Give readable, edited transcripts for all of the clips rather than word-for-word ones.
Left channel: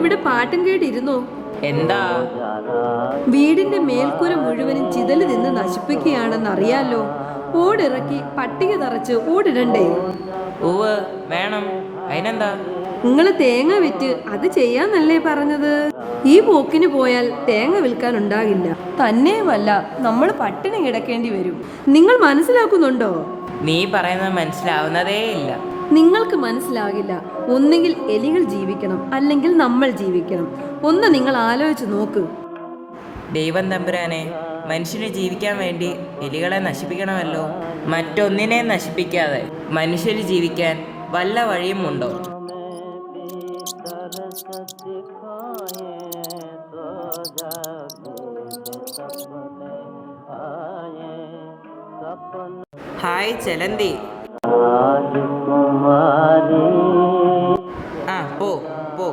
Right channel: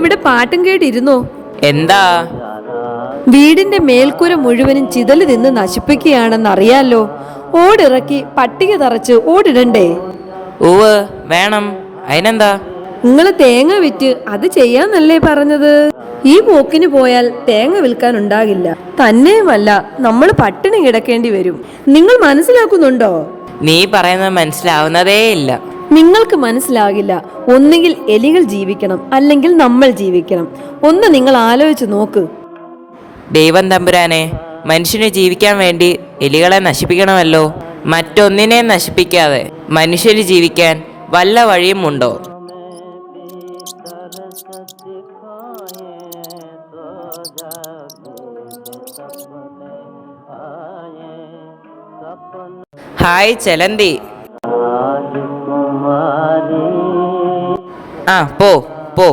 ഇവിടെ പാട്ടും കേട്ടിരുന്നോ? എന്താ? വീടിന്റെ മേൽക്കൂര മുഴുവനും ചിതല് നിന്ന് നശിപ്പിക്കുകയാണെന്നറിയാലോ. ഓടിറക്കി പട്ടിക തറച്ച് ഓടിടണ്ടേ? ഉവ് വേണം. അതിനെന്താ? നിങ്ങള് തേങ്ങ വിറ്റ് അത് ചെയ്യാന്നല്ലേ പറഞ്ഞത്? ഈ പോക്കിന് പോയാൽ തേങ്ങ വിൽക്കാൻ ഉണ്ടാകില്ല. തന്നെയുമല്ല, നമ്മൾ പട്ടിണി കിടക്കേണ്ടി വരും. നിങ്ങൾ മനസ്സിലാക്കുന്നുണ്ടോ? നീ പറയുന്നത് മനസ്സിലാവുന്നതേ ഇല്ല. നിങ്ങൾക്ക് മനസ്സിലാകില്ല. ഒന്നുകിൽ എലികൾ ജീവിക്കണം, അല്ലെങ്കിൽ നമ്മൾ ജീവിക്കണം. ഒന്ന് നിങ്ങൾ ആലോചിച്ച് നോക്ക്. ദൈവം തമ്പുരാനെ, മനുഷ്യന് ജീവിക്കാൻ വേണ്ടി എലികളെ നശിപ്പിക്കണമല്ലോ. മറ്റൊന്നിനെ നശിപ്പിക്കാതെ മനുഷ്യന് ജീവിക്കാൻ വല്ല വഴിയും ഉണ്ടോ? ഹായ് ചെലന്തി. ആ പോ പോ.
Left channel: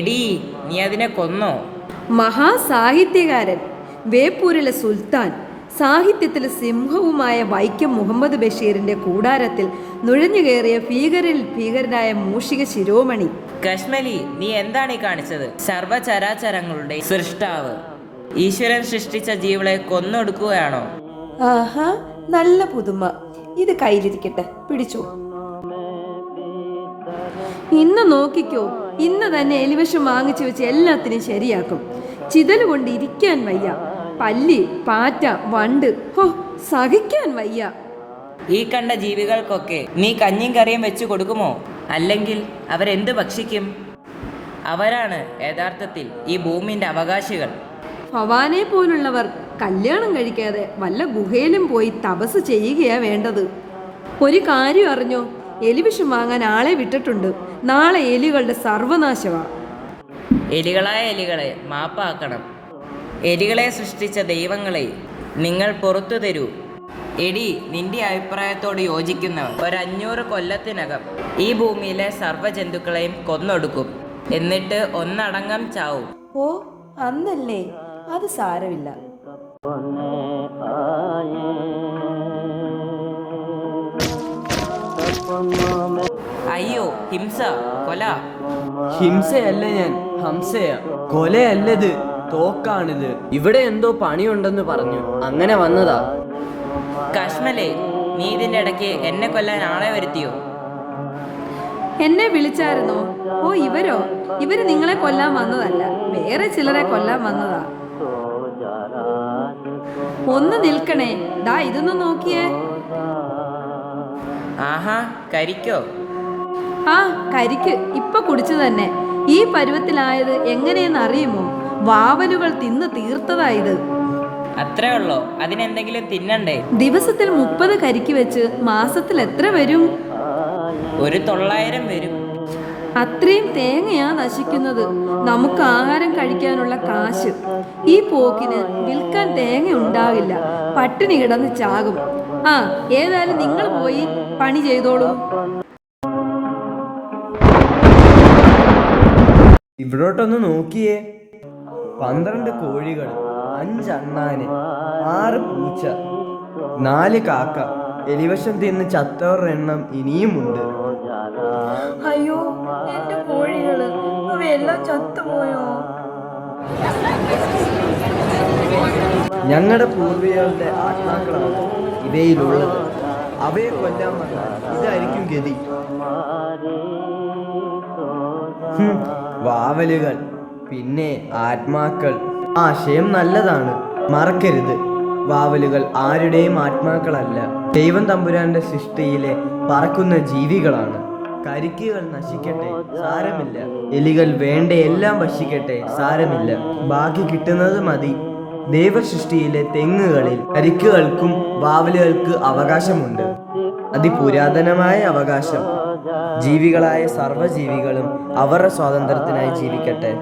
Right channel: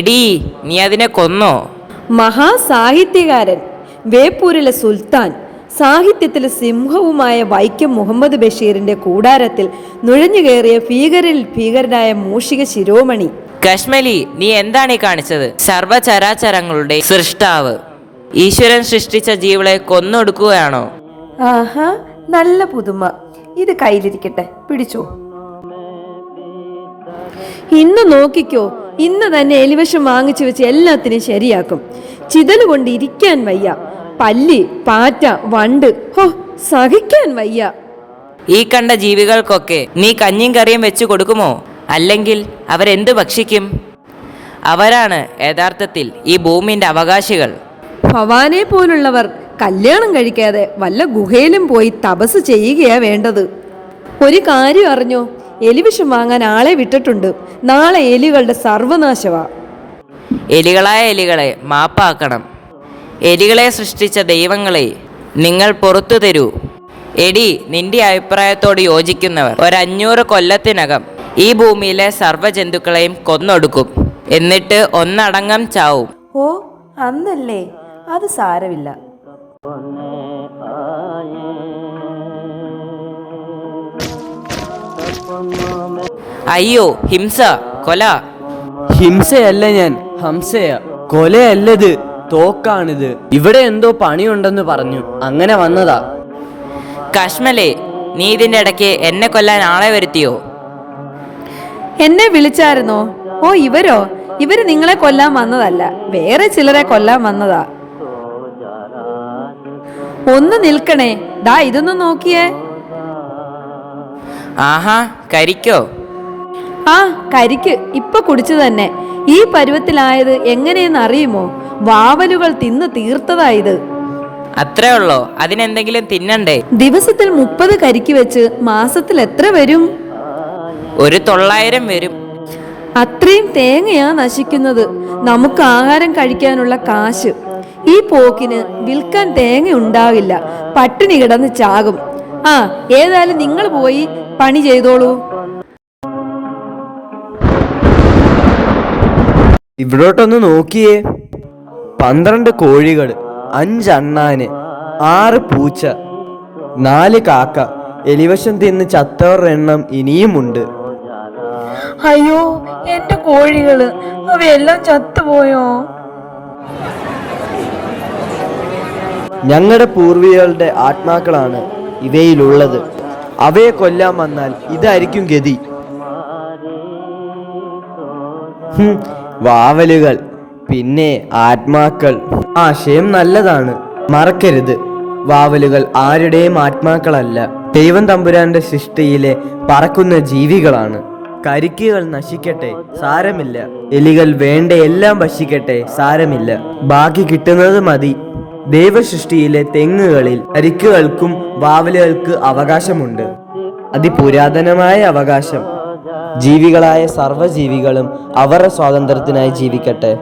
എടീ, നീ അതിനെ കൊന്നോ? മഹാസാഹിത്യകാരൻ, വേപ്പൂരിലെ സുൽത്താൻ, സാഹിത്യത്തിലെ സിംഹവുമായ വൈക്കം മുഹമ്മദ് ബഷീറിന്റെ കൂടാരത്തിൽ നുഴഞ്ഞു കയറിയ ഭീകരിൽ ഭീകരനായ മൂഷിക ശിരോമണി. കശ്മലി, നീ എന്താണ് ഈ കാണിച്ചത്? സർവചരാചരങ്ങളുടെ സൃഷ്ടാവ് ഈശ്വരൻ സൃഷ്ടിച്ച ജീവികളെ കൊന്നൊടുക്കുകയാണോ? ആഹാ, നല്ല പുതുമ. ഇത് കയ്യിലിരിക്കട്ടെ, പിടിച്ചോ. ഇന്ന് നോക്കിക്കോ, ഇന്ന് തന്നെ എലിവിഷം വാങ്ങിച്ചു വെച്ച് എല്ലാത്തിനും ശരിയാക്കും. ചിതല് കൊണ്ട് ഇരിക്കാൻ വയ്യ. പല്ലി, പാറ്റ, വണ്ട്, ഹോ, സഹിക്കാൻ വയ്യ. ഈ കണ്ട ജീവികൾക്കൊക്കെ നീ കഞ്ഞിയും കറിയും വെച്ചു കൊടുക്കുമോ? അല്ലെങ്കിൽ അവരെന്ത് ഭക്ഷിക്കും? അവരാണ് യഥാർത്ഥത്തിൽ ഈ ഭൂമിന്റെ അവകാശികൾ. ഭവാനെ പോലുള്ളവർ കല്യാണം കഴിക്കാതെ വല്ല ഗുഹയിലും പോയി തപസ് ചെയ്യുകയാ വേണ്ടത്. ഒരു കാര്യം അറിഞ്ഞോ? എലിവിഷം വാങ്ങാൻ ആളെ വിട്ടിട്ടുണ്ട്. നാളെ എലികളുടെ സർവനാശവാ. എലികളായ എലികളെ മാപ്പാക്കണം. എലികളെ സൃഷ്ടിച്ച ദൈവങ്ങളെ നിങ്ങൾ പുറത്തു തരൂ. എടി, നിന്റെ അഭിപ്രായത്തോട് യോജിക്കുന്നവർ 500 കൊല്ലത്തിനകം ഈ ഭൂമിയിലെ സർവ്വജന്തുക്കളെയും കൊന്നൊടുക്കും. എന്നിട്ട് ഒന്നടങ്കം ചാവും. ഓ, അന്നല്ലേ? അത് സാരമില്ല. അയ്യോ, ഹിംസ, കൊല. ഹിംസയല്ല, ഞാൻ ഹംസയാ. കൊലയല്ലത്, തോക്കാണിത്. ഇവിടെ എന്തോ പണിയുണ്ടെന്ന് പറഞ്ഞു, അങ്ങനെ വന്നതാ. കശ്മലേ, നീ ഇതിന്റെ ഇടയ്ക്ക് എന്നെ കൊല്ലാൻ ആളെ വരുത്തിയോ? എന്നെ വിളിച്ചായിരുന്നോ? ഓ, ഇവര് നിങ്ങളെ കൊല്ലാൻ വന്നതല്ല, വേറെ ചിലരെ കൊല്ലാൻ വന്നതാ. ഒന്ന് നിൽക്കണേ, ദാ ഇതൊന്ന് നോക്കിയേ. ആഹാ, കരിക്കോ? ആ, കരിക്ക് ഇപ്പൊ കുടിച്ചു തന്നെ. ഈ പരുവത്തിലായത് എങ്ങനെയെന്ന് അറിയുമോ? വാവലുകൾ തിന്നു തീർത്തതായത്. അത്രേ ഉള്ളോ? അതിനെന്തെങ്കിലും തിന്നണ്ടേ? ദിവസത്തിൽ 30 കരിക്ക് വെച്ച് മാസത്തിൽ എത്ര വരും? 900 വരും. അത്രയും തേങ്ങയാ നശിക്കുന്നത്. നമുക്ക് ആഹാരം കഴിക്കാനുള്ള കാശ്. ഈ പോക്കിന് വിൽക്കാൻ തേങ്ങ ഉണ്ടാവില്ല. പട്ടിണി കിടന്ന് ചാകും. ആ, ഏതായാലും നിങ്ങൾ പോയി പണി ചെയ്തോളൂ. ഇവിടോട്ടൊന്ന് നോക്കിയേ. 12 കോഴികൾ, 5 അണ്ണാന്, 6 പൂച്ച, 4 കാക്ക. എലിവശം തിന്ന് ചത്തവരുടെ എണ്ണം ഇനിയുമുണ്ട്. അയ്യോ, എന്റെ കോഴികള്, അവയെല്ലാം ചത്തുപോയോ? ഞങ്ങളുടെ പൂർവികരുടെ ആത്മാക്കളാണ് ഇവയിലുള്ളത്. അവയെ കൊല്ലാൻ വന്നാൽ ഇതായിരിക്കും ഗതി. വാവലുകൾ, പിന്നെ ആത്മാക്കൾ. ആശയം നല്ലതാണ്, മറക്കരുത്. വാവലുകൾ ആരുടെയും ആത്മാക്കളല്ല, ദൈവം തമ്പുരാന്റെ സൃഷ്ടിയിലെ പറക്കുന്ന ജീവികളാണ്. കരിക്കുകൾ നശിക്കട്ടെ, സാരമില്ല. എലികൾ വേണ്ട എല്ലാം ഭക്ഷിക്കട്ടെ, സാരമില്ല. ബാക്കി കിട്ടുന്നത് മതി. ദൈവസൃഷ്ടിയിലെ തെങ്ങുകളിൽ കരിക്കുകൾക്കും വാവലുകൾക്ക് അവകാശമുണ്ട്. അതിപുരാതനമായ അവകാശം. ജീവികളായ സർവ്വജീവികളും അവരുടെ സ്വാതന്ത്ര്യത്തിനായി ജീവിക്കട്ടെ.